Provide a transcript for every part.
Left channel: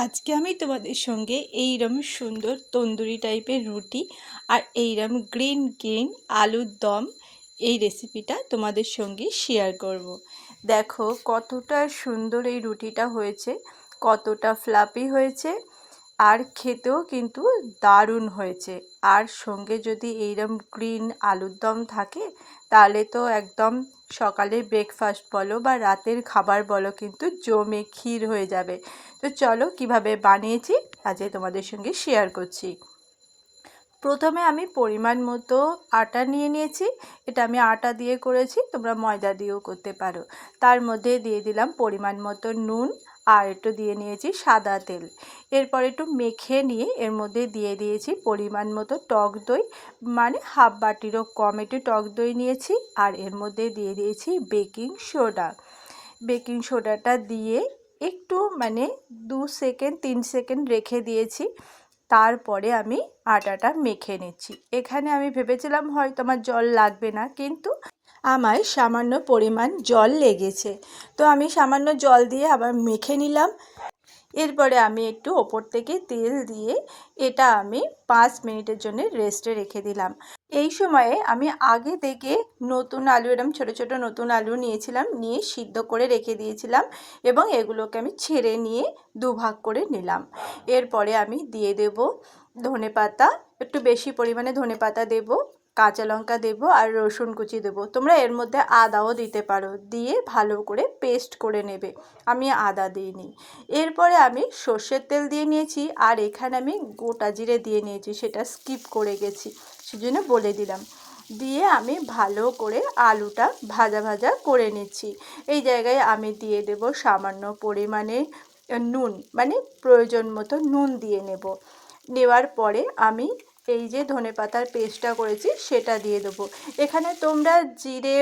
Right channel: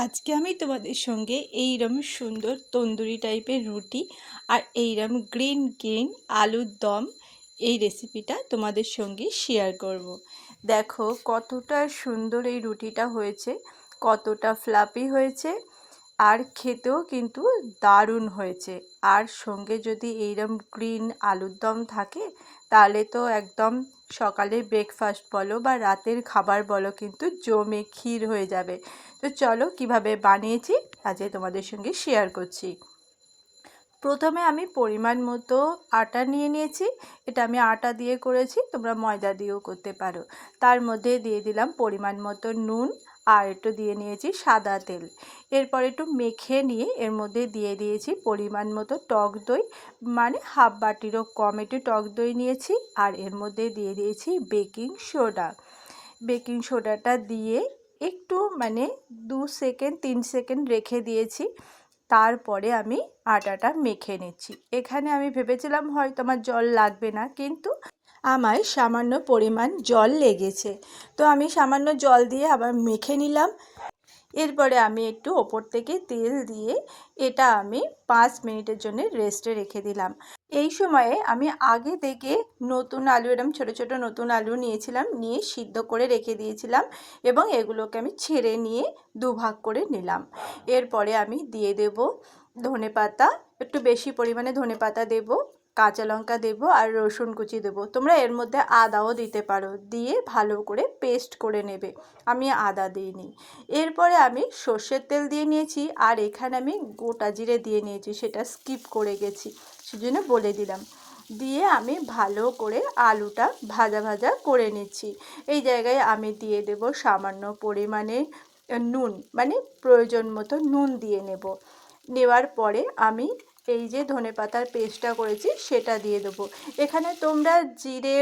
আজকে আমি তোমাদের সঙ্গে এইরম সুন্দর তন্দুরি টাইপের রুটি আর এইরম গ্রিন গ্রিন আলুর দম এই রেসিপিটা তোমাদের সঙ্গে শেয়ার করব। দেখো কতটা সুন্দর এই রুটিটা হয়েছে, কতটা ফ্লাপি হয়েছে আর খেতেও কিন্তু দারুণ হয়েছে। আর সঙ্গে যদি এইরকম গ্রিন আলুর দম থাকে, তাহলে তো একদম সকালের ব্রেকফাস্ট বলো বা রাতের খাবার বলো কিন্তু জমে ক্ষীর হয়ে যাবে। তো চলো কীভাবে বানিয়েছি, আজকে তোমাদের সঙ্গে শেয়ার করছি। প্রথমে আমি পরিমাণ মতো আটা নিয়ে নিয়েছি। এটা আমি আটা দিয়ে করেছি, তোমরা ময়দা দিয়েও করতে পারো। তার মধ্যে দিয়ে দিলাম পরিমাণ মতো নুন আর একটু দিয়ে নিয়েছি সাদা তেল। এরপর একটু মেখে নিয়ে এর মধ্যে দিয়ে দিয়েছি পরিমাণ মতো টক দই মানে হাফ বাটিরও কম একটু টক দই নিয়েছি আর এর মধ্যে দিয়ে দিয়েছি বেকিং সোডা। বেকিং সোডাটা দিয়ে একটু মানে দু সেকেন্ড, তিন সেকেন্ড রেখে দিয়েছি। তারপরে আমি আটাটা মেখে নিচ্ছি। এখানে আমি ভেবেছিলাম হয়তো আমার জল লাগবে না, কিন্তু আমার সামান্য পরিমাণ জল লেগেছে। তো আমি সামান্য জল দিয়ে আবার মেখে নিলাম। এরপরে আমি একটু ওপর থেকে তেল দিয়ে এটা আমি পাঁচ মিনিটের জন্য রেস্টে রেখে দিলাম। এই সময়ে আমি আগে থেকে নতুন আলু, এরম ছোটো ছোটো নতুন আলু নিয়েছিলাম, নিয়ে সিদ্ধ করে রেখে দিয়েছিলাম এবং এগুলোকে আমি ছেড়ে নিয়ে দুভাগ করে নিলাম। এরপরে আমি দিয়ে দেব ধনে পাতা একটু বেশি পরিমাণে ধনে পাতা দেবো। কাঁচা লঙ্কা দেবো আর রসুন কুচি দেবো। তোমরা এর মধ্যে আদাও দিতে পারো। দিয়ে ভালো করে পেস্ট করে নেবে। আমি আদা দিইনি। এরপরে আমি সর্ষের তেল দিয়ে নিয়েছি আর এখানে আমি গোটা জিরে দিয়ে নিয়েছি। সেটা স্কিপ করে গেছি। সেজন্য বলে দিলাম। দিয়ে আমি ভালো করে আলুটা ভাজা ভাজা করে নিচ্ছি। এই জায়গায় আমি দিয়ে দেব সামান্য পরিমাণে নুন মানে প্রয়োজন মতো নুন দিয়ে নেব। নেওয়ার পরে আমি এই যে ধনে পাতার পেস্টটা করেছি, সেটা দিয়ে দেবো। এখানে তোমরা জিরে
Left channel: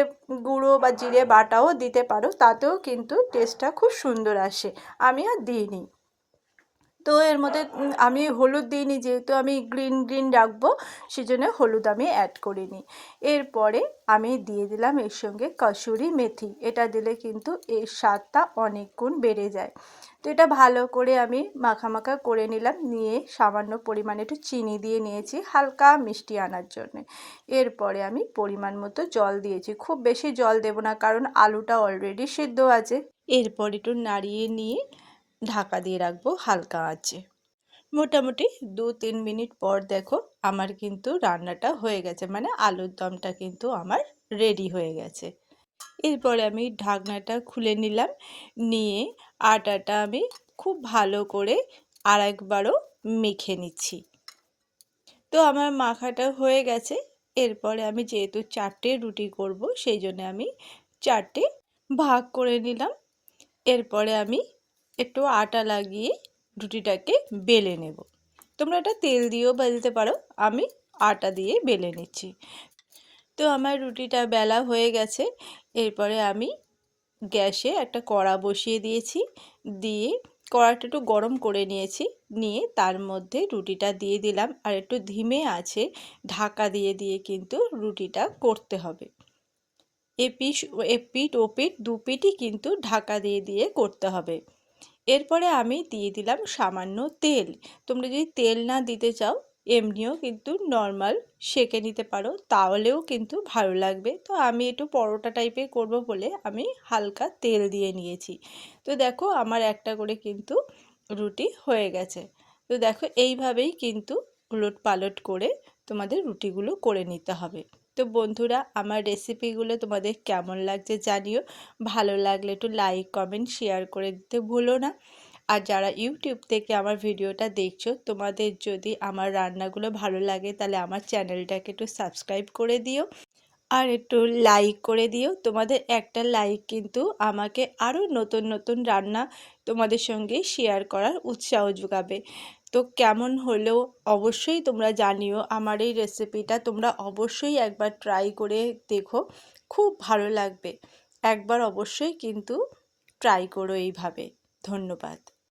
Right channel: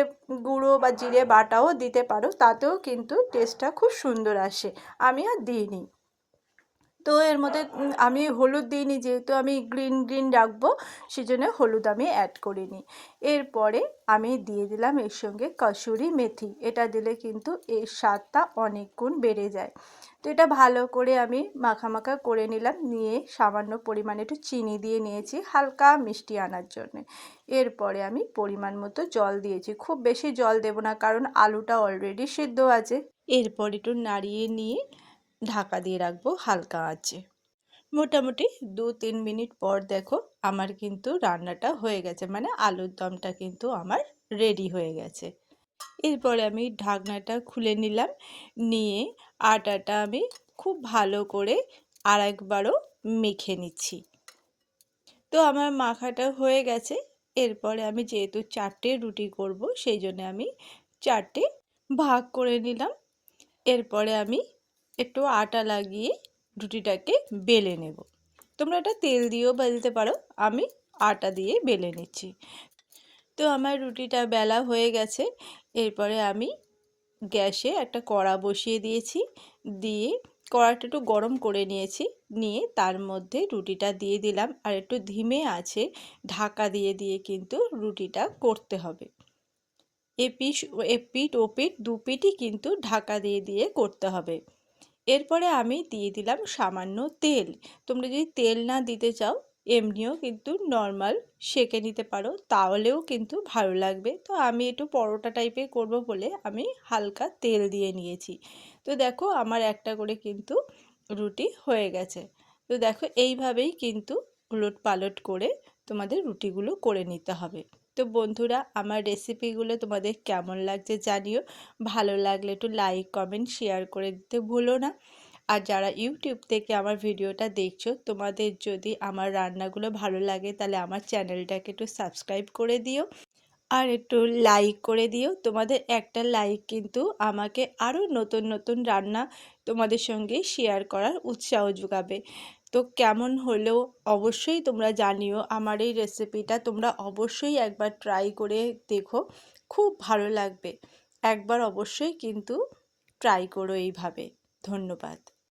গুঁড়ো বা জিরে বাটাও দিতে পারো, তাতেও কিন্তু টেস্টটা খুব সুন্দর আসে। আমি আর দিইনি। তো এর মধ্যে আমি হলুদ দিইনি, যেহেতু আমি গ্রিন গ্রিন রাখব, সেজন্য হলুদ আমি অ্যাড করিনি। এরপরে আমি দিয়ে দিলাম এর সঙ্গে কসুরি মেথি। এটা দিলে কিন্তু এর স্বাদটা অনেক গুণ বেড়ে যায়। তো এটা ভালো করে আমি মাখা মাখা করে নিলাম। নিয়ে সামান্য পরিমাণে একটু চিনি দিয়ে নিয়েছি, হালকা মিষ্টি আনার জন্য। এরপরে আমি পরিমাণ মতো জল দিয়েছি। খুব বেশি জল দেব না, কারণ আলুটা অলরেডি সেদ্ধ আছে। এরপর একটু নাড়িয়ে নিয়ে ঢাকা দিয়ে রাখব হালকা আছে মোটামুটি দু তিন মিনিট পর দেখো আমার কিন্তু রান্নাটা হয়ে গেছে মানে আলুর দমটা কিন্তু আমার রেডি হয়ে গেছে। এরপরে আমি ঢাকনাটা খুলে নিলাম। নিয়ে আটাটা আমি খুব ভালো করে আর একবারও মেখে নিচ্ছি। তো আমার মাখাটা হয়ে গেছে। এরপরে আমি যেহেতু চারটে রুটি করব, সেই জন্য আমি চারটে ভাগ করে নিলাম। এরপরে আমি একটু আটা লাগিয়ে রুটিটাকে বেলে নেব। তোমরা এটা তেল দিয়েও বাজতে পারো, আমি আটা দিয়ে বেলে নিচ্ছি। তো আমার রুটিটা বেলা হয়ে গেছে। এরপরে আমি গ্যাসে একটা কড়া বসিয়ে দিয়েছি। দিয়ে কড়াটা একটু গরম করে নিয়েছি। নিয়ে তার মধ্যে রুটিটা দিয়ে দিলাম। আর একটু ধিমে আছে, ঢাকা দিয়ে দিয়ে কিন্তু রুটিটা করতে হবে। এপিস ওপিট দু পিটই কিন্তু ঢাকা দিয়ে দিয়ে করতে হবে। এরপরে আমি দিয়ে দিলাম সামান্য তেল। তোমরা যদি তেল না দিতে চাও এমনিও কিন্তু নর্মাল সেঁকে নিতে পারো, তাহলেও কিন্তু ভালো লাগবে। তো আমি একটু পরোটা টাইপের করব বলে আমি হালকা তেল দিয়ে নিয়েছি। তো দেখো আমার একটা করে কিন্তু রুটি হয়ে গেছে। তো দেখো এইভাবেই কিন্তু উলট পালট করে তোমাদের রুটিগুলো করে নিতে হবে। তো বন্ধুরা, আমার রেসিপিগুলো তোমাদের কেমন লাগছে জানিও। ভালো লাগলে একটু লাইক কমেন্ট শেয়ার করে দিতে ভুলো না। আর যারা ইউটিউব থেকে আমার ভিডিওটা দেখছ, তোমাদের যদি আমার রান্নাগুলো ভালো লাগে, তাহলে আমার চ্যানেলটাকে একটু সাবস্ক্রাইব করে দিও আর একটু লাইক করে দিও। তোমাদের একটা লাইক কিন্তু আমাকে আরও নতুন নতুন রান্না তোমাদের সঙ্গে শেয়ার করার উৎসাহ যোগাবে। তো কেমন হলেও অবশ্যই তোমরা জানিও। আমার এই রেসিপিটা তোমরা অবশ্যই একবার ট্রাই করে দেখো, খুব ভালো লাগবে। একবার অবশ্যই কিন্তু ট্রাই করো এইভাবে। ধন্যবাদ।